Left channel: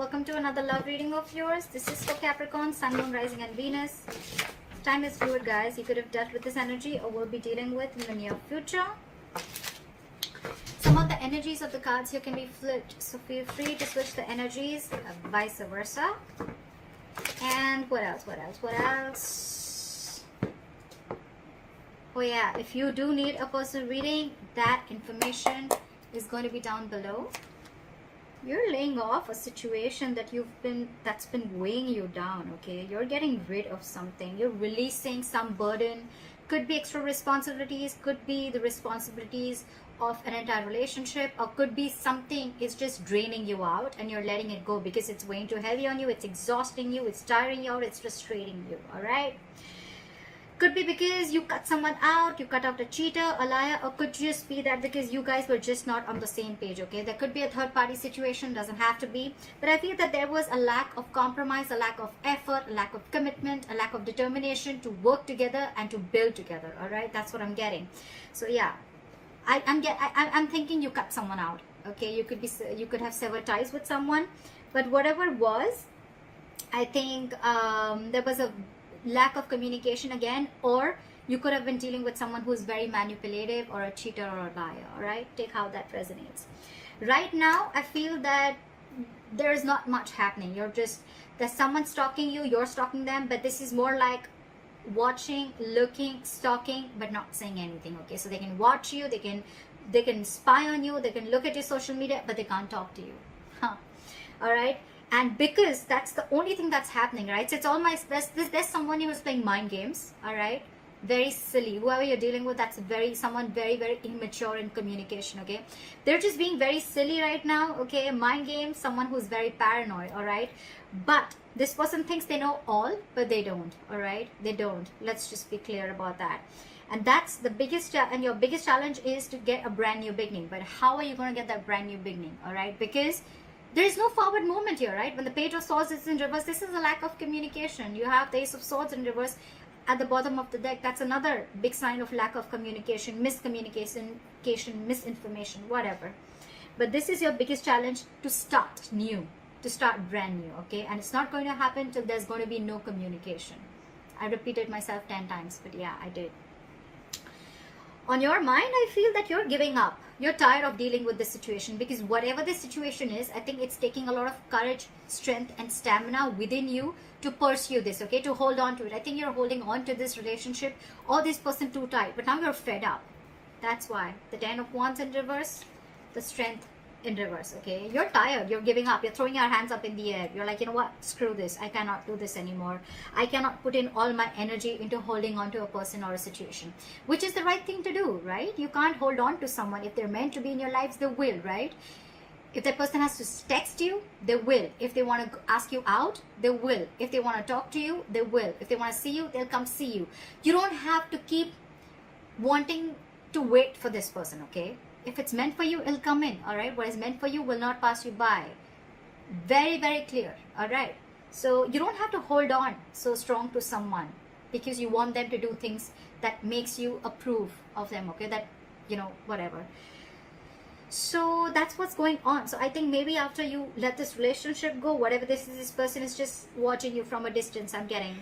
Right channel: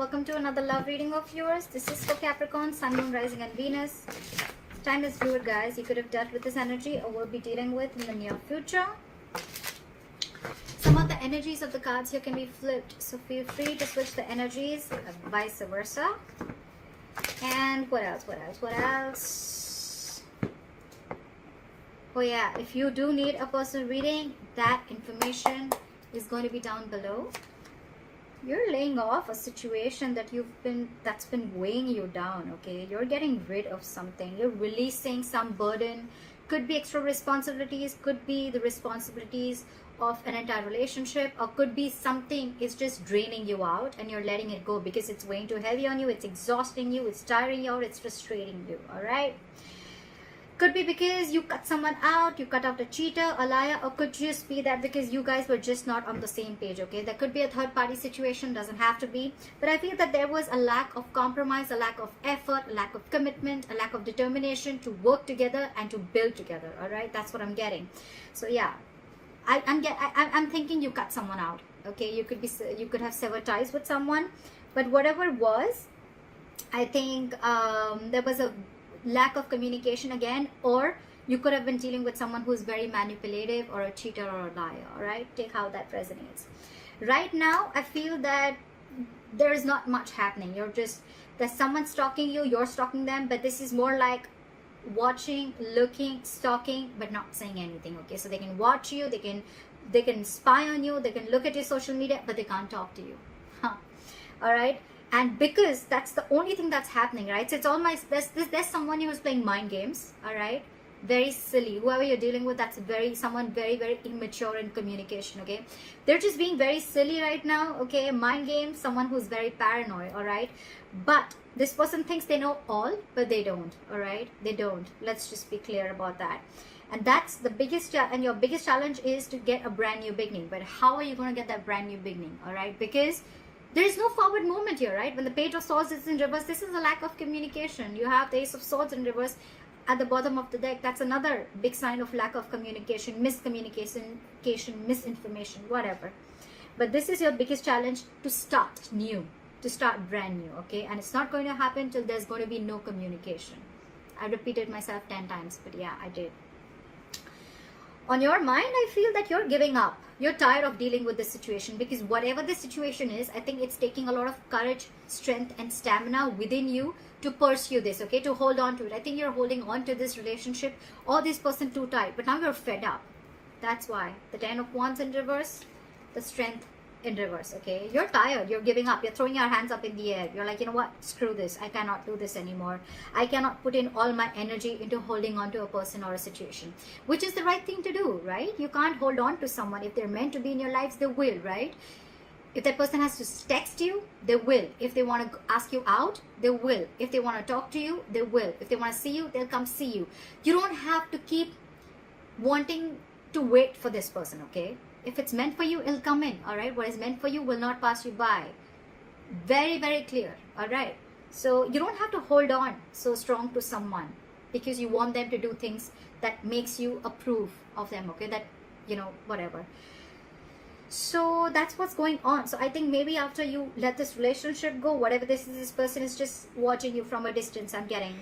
Welcome to another love reading of yours. This is for Capricorn, Sun, Moon, Rising and Venus. Time is fluid, guys. You could have dealt with this energy or will be dealing with in the near future. Some of the energies of the cards here can be flipped, so feel free to switch the energies, vice versa. And what else? Oh yeah, if you do need a personal reading, that information is going to be down below. You're laying off a situation that's been weighing you down, okay? You're getting rid of something. You're releasing some burden. Could be extra responsibilities, could be the responsibilities of an entire relationship, or could be something is just draining you out and you're letting it go because it's weighing too heavy on you, it's exhausting you, it's tiring you out, it's frustrating you, all right? Could be because you cut someone out, you cut out a cheater, a liar, or could just be that because you guys were just not on the same page, okay? There could be a third party situation, doesn't have to be. But I feel that there was a lack of compromise, a lack of effort, a lack of commitment, a lack of determination to work together and to build together, all right? That's what I'm getting. So yeah, I'm thinking you cut someone out, okay? You could have severed ties with someone, but whatever it was, I think there was a lack of communication again, or you could have been dealing with someone who's very manipulative or a cheater or a liar, all right? Take how that resonates. Right now, I feel that there's not much happening. There's someone stalking you, you're stalking them, but this is more like watching, looking, stalking, but not saying anything, okay? So they can watch you, they can spy on you, they can look at your social media, but they can't talk to you, all right? And because that's the only thing that's happening, right? So it's all there's someone who's playing mind games, all right? Very silly. Whoever you're dealing with, that's someone very, very immature in communication, okay? They're just being very silly right now, okay? Mind games, someone who's very paranoid, all right? But this person thinks they know all, but they don't, all right? They don't. Let's just be clear about that. And that's the biggest, and your biggest challenge is to get a brand new beginning. But how are you going to get that brand new beginning, all right? Because there is no forward movement here, right? When the Page of Swords is in reverse, this is a lack of communication. You have the Ace of Swords in reverse at the bottom of the deck. That's another big sign of lack of communication, miscommunication, misinformation, whatever. But this is your biggest challenge, to start new, to start brand new, okay? And it's not going to happen till there's going to be no communication. I repeated myself 10 times, but yeah, I did. On your mind, I feel that you're giving up. You're tired of dealing with this situation, because whatever this situation is, I think it's taking a lot of courage, strength and stamina within you to pursue this, okay, to hold on to it. I think you're holding on to this relationship or this person too tight, but now you're fed up. That's why. The 10 of Wands in reverse, the Strength in reverse, okay? You're tired, you're giving up, you're throwing your hands up in the air. You're like, you know what, screw this, I cannot do this anymore. I cannot put in all my energy into holding on to a person or a situation, which is the right thing to do, right? You can't hold on to someone. If they're meant to be in your lives, they will, right? If that person has to text you, they will. If they want to ask you out, they will. If they want to talk to you, they will. If they want to see you, they'll come see you. You don't have to keep wanting to wait for this person, okay? If it's meant for you, it'll come in, all right? What is meant for you will not pass you by. Very, very clear, all right? So you don't have to hold on so strong to someone because you want them to do things that makes you approve of them, okay? That, you know, whatever. So that's what's going on. So I think maybe after you let this relationship go, whatever this person is just watching you from a distance, I'm getting.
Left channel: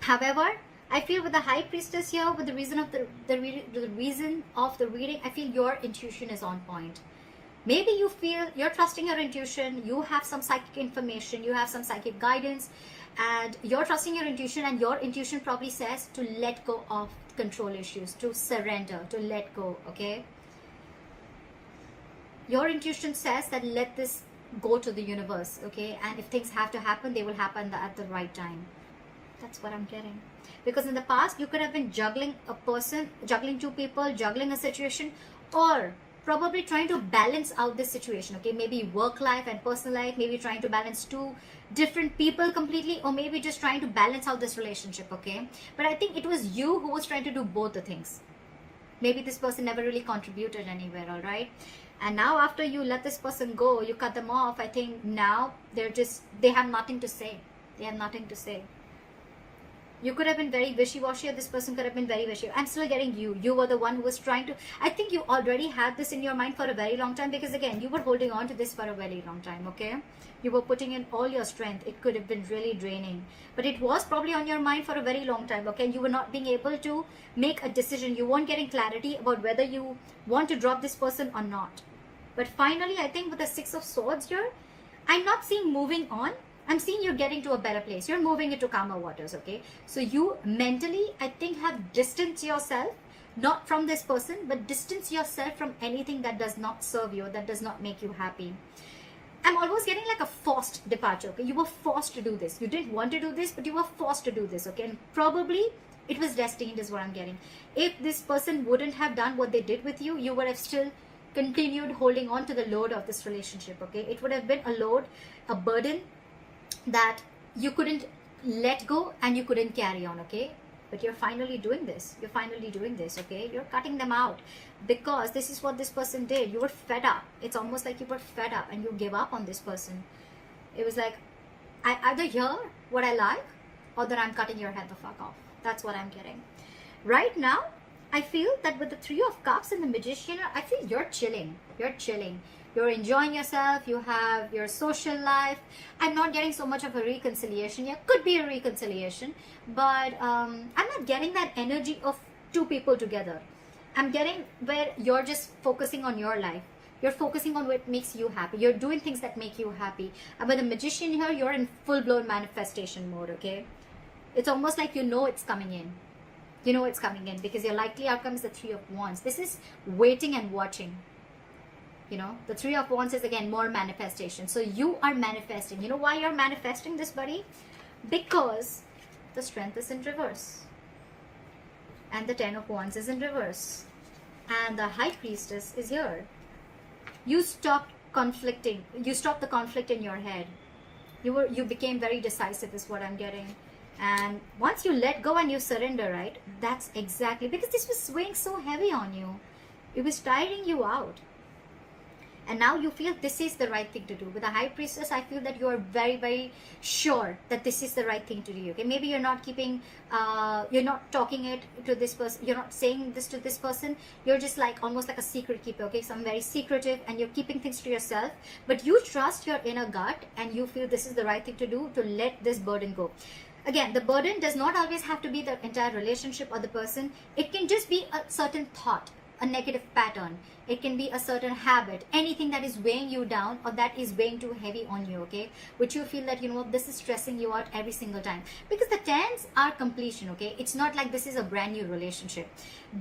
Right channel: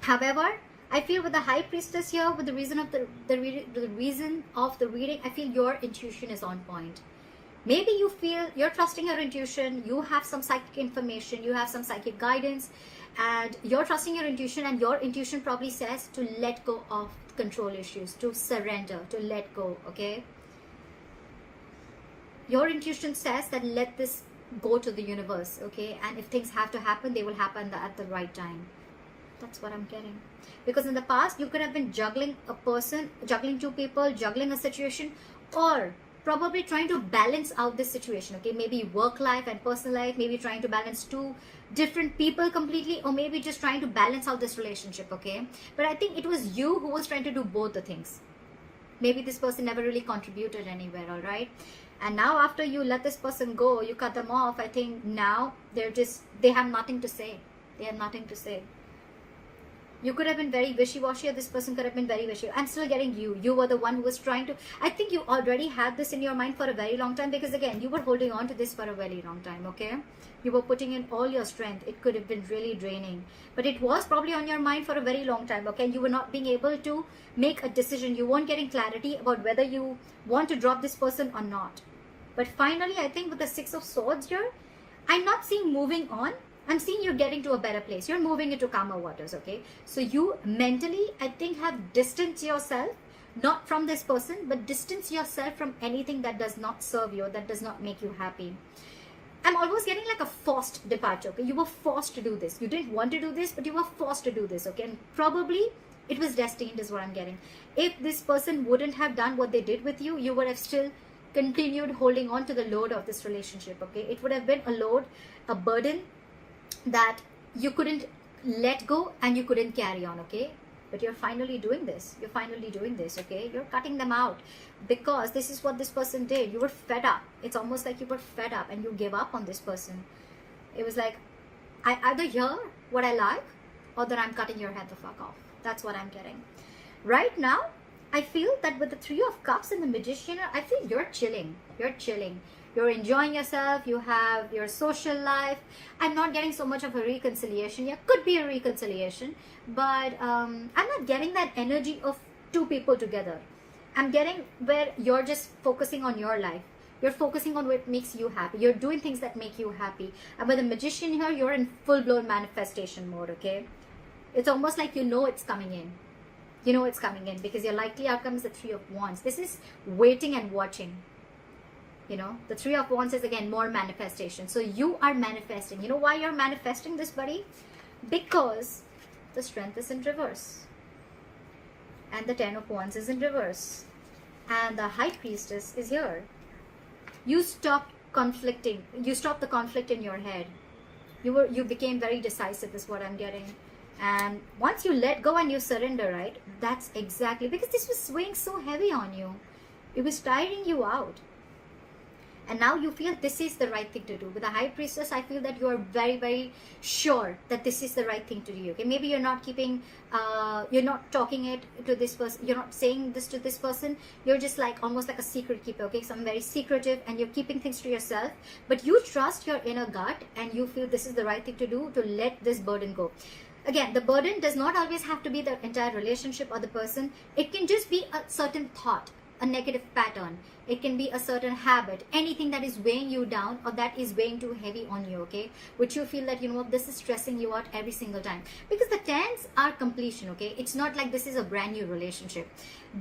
However, I feel with the High Priestess here, with the reason of the reading, I feel your intuition is on point. Maybe you feel you're trusting your intuition, you have some psychic information, you have some psychic guidance, and you're trusting your intuition, and your intuition probably says to let go of control issues, to surrender, to let go, okay? Your intuition says that let this go to the universe, okay? And if things have to happen, they will happen at the right time. That's what I'm getting. Because in the past, you could have been juggling a person, juggling two people, juggling a situation, or probably trying to balance out this situation, okay? Maybe work life and personal life, maybe trying to balance two different people completely, or maybe just trying to balance out this relationship, okay? But I think it was you who was trying to do both the things. Maybe this person never really contributed anywhere, all right? And now after you let this person go, you cut them off, I think now they have nothing to say. They have nothing to say. You could have been very wishy-washy, or this person could have been very wishy. I'm still getting you. You were the one who was trying to... I think you already had this in your mind for a very long time, because again, you were holding on to this for a very long time, okay? You were putting in all your strength. It could have been really draining. But it was probably on your mind for a very long time, okay? You were not being able to make a decision. You weren't getting clarity about whether you want to drop this person or not. But finally, I think with the Six of Swords here, I'm not seeing moving on. I'm seeing you getting to a better place. You're moving into calmer waters, okay? So you mentally, I think, have distanced yourself, not from this person, but distance yourself from anything that does not serve you, that does not make you happy. I'm almost getting like a forced departure, okay? You were forced to do this. You didn't want to do this, but you were forced to do this, okay? And probably it was destined is what I'm getting. If this person wouldn't have done what they did with you, you would have still continued holding on to the load of this relationship, okay? It would have been a load, a burden that you couldn't let go and you couldn't carry on, okay? But you're finally doing this. You're finally doing this, okay? You're cutting them out because this is what this person did. You were fed up. It's almost like you were fed up and you gave up on this person. It was like, I either hear what I like or that I'm cutting your head the fuck off. That's what I'm getting. Right now, I feel that with the Three of Cups and the Magician, I feel you're chilling. You're chilling. You're enjoying yourself. You have your social life. I'm not getting so much of a reconciliation. Yeah, could be a reconciliation. But I'm not getting that energy of two people together. I'm getting where you're just focusing on your life. You're focusing on what makes you happy. You're doing things that make you happy. And with the Magician here, you're in full-blown manifestation mode, okay? It's almost like you know it's coming in. You know it's coming in because your likely outcome is the Three of Wands. This is waiting and watching. You know, the Three of Wands is again more manifestation. So you are manifesting. You know why you're manifesting this, buddy? Because the Strength is in reverse. And the Ten of Wands is in reverse. And the High Priestess is here. You stopped conflicting. You stopped the conflict in your head. You became very decisive is what I'm getting. And once you let go and you surrender, right? That's exactly, because this was weighing so heavy on you. It was tiring you out. And now you feel this is the right thing to do. With the High Priestess, I feel that you are very, very sure that this is the right thing to do. Okay, maybe you're not keeping, you're not talking it to this person. You're not saying this to this person. You're just like almost like a secret keeper. Okay, so I'm very secretive and you're keeping things to yourself. But you trust your inner gut and you feel this is the right thing to do to let this burden go. Again, the burden does not always have to be the entire relationship or the person. It can just be a certain thought, a negative pattern. It can be a certain habit, anything that is weighing you down or that is weighing too heavy on you, okay? Which you feel that, you know, this is stressing you out every single time. Because the tens are completion, okay? It's not like this is a brand new relationship.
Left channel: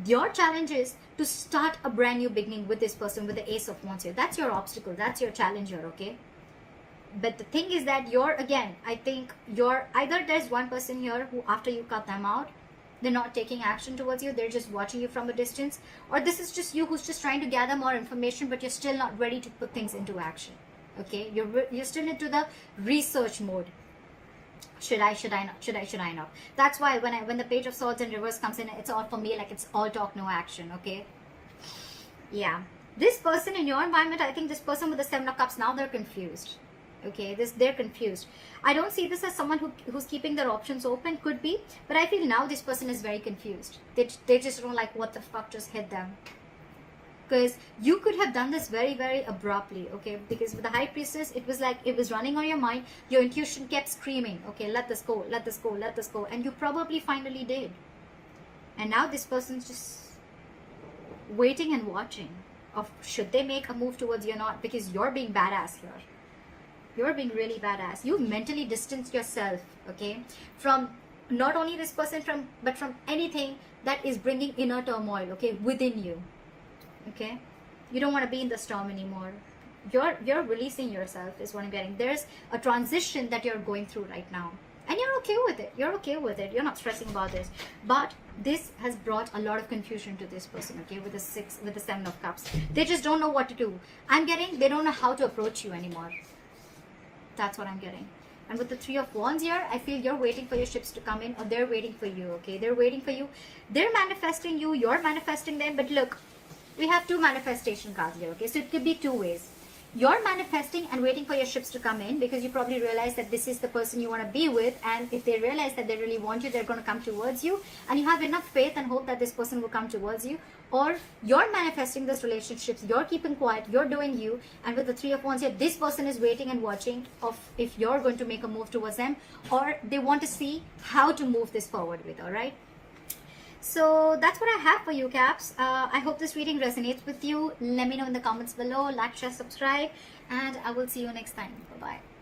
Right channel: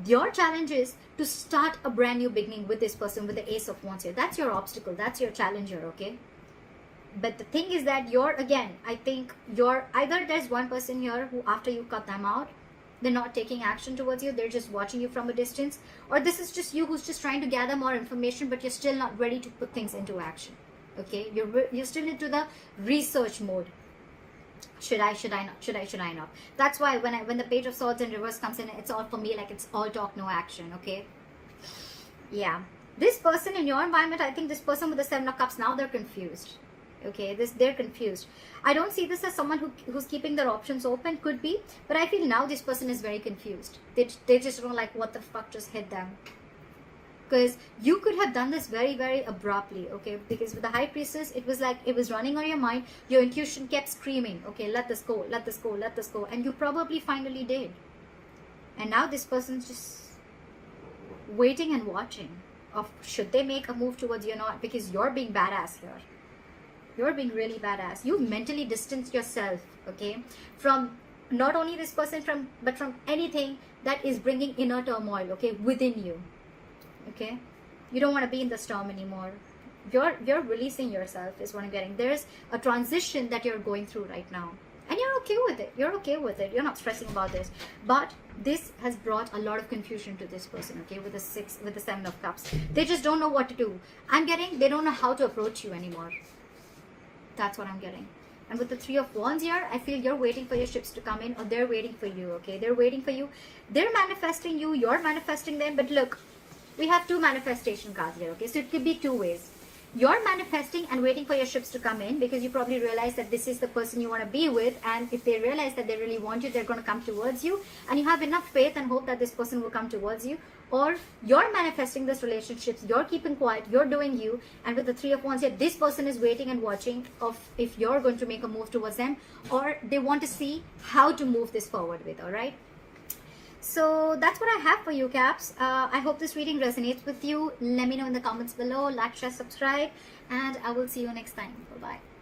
Your challenge is to start a brand new beginning with this person, with the Ace of Wands here. That's your obstacle. That's your challenge here, okay? But the thing is that I think either there's one person here who after you cut them out, they're not taking action towards you, they're just watching you from a distance, or this is just you who's just trying to gather more information, but you're still not ready to put things into action, okay? You're still into the research mode. Should I not? That's why when the Page of Swords in reverse comes in, it's all for me like it's all talk, no action, okay? Yeah. This person in your environment, I think this person with the Seven of Cups, now they're confused. Okay, they're confused. I don't see this as someone who's keeping their options open, could be, but I feel now this person is very confused. They just don't like what the fuck just hit them. Because you could have done this very, very abruptly, okay? Because with the High Priestess, it was like it was running on your mind. Your intuition kept screaming, okay, let this go, let this go, let this go. And you probably finally did. And now this person's just waiting and watching of should they make a move towards you or not, because you're being badass here. You're being really badass. You mentally distance yourself, okay, from not only this person, but from anything that is bringing inner turmoil, okay, within you, okay. You don't want to be in the storm anymore. You're releasing yourself is what I'm getting. There's a transition that you're going through right now, and you're okay with it. You're okay with it. You're not stressing about this. But this has brought a lot of confusion to this person, okay, with the Seven of Cups. They just don't know what to do. I'm getting they don't know how to approach you anymore. That's what I'm getting. And with the Three of Wands here, I feel you're waiting for your ships to come in, or they're waiting for you, okay? They're waiting for you. They're manifesting you. You're manifesting them. But look, we have two manifestation cards here, okay? So it could be two ways. you're manifesting and waiting for your ships to come in, because you probably realize that this is the person you want to be with, and if they realize that they really want you, they're going to come towards you, and you have enough faith and hope that this person will come towards you. Or you're manifesting this relationship, you're keeping quiet, you're doing you, and with the Three of Wands here, this person is waiting and watching of if you're going to make a move towards them, or they want to see how to move this forward with. All right, so that's what I have for you, Caps. I hope this reading resonates with you. Let me know in the comments below. Like, share, subscribe, and I will see you next time. Bye bye.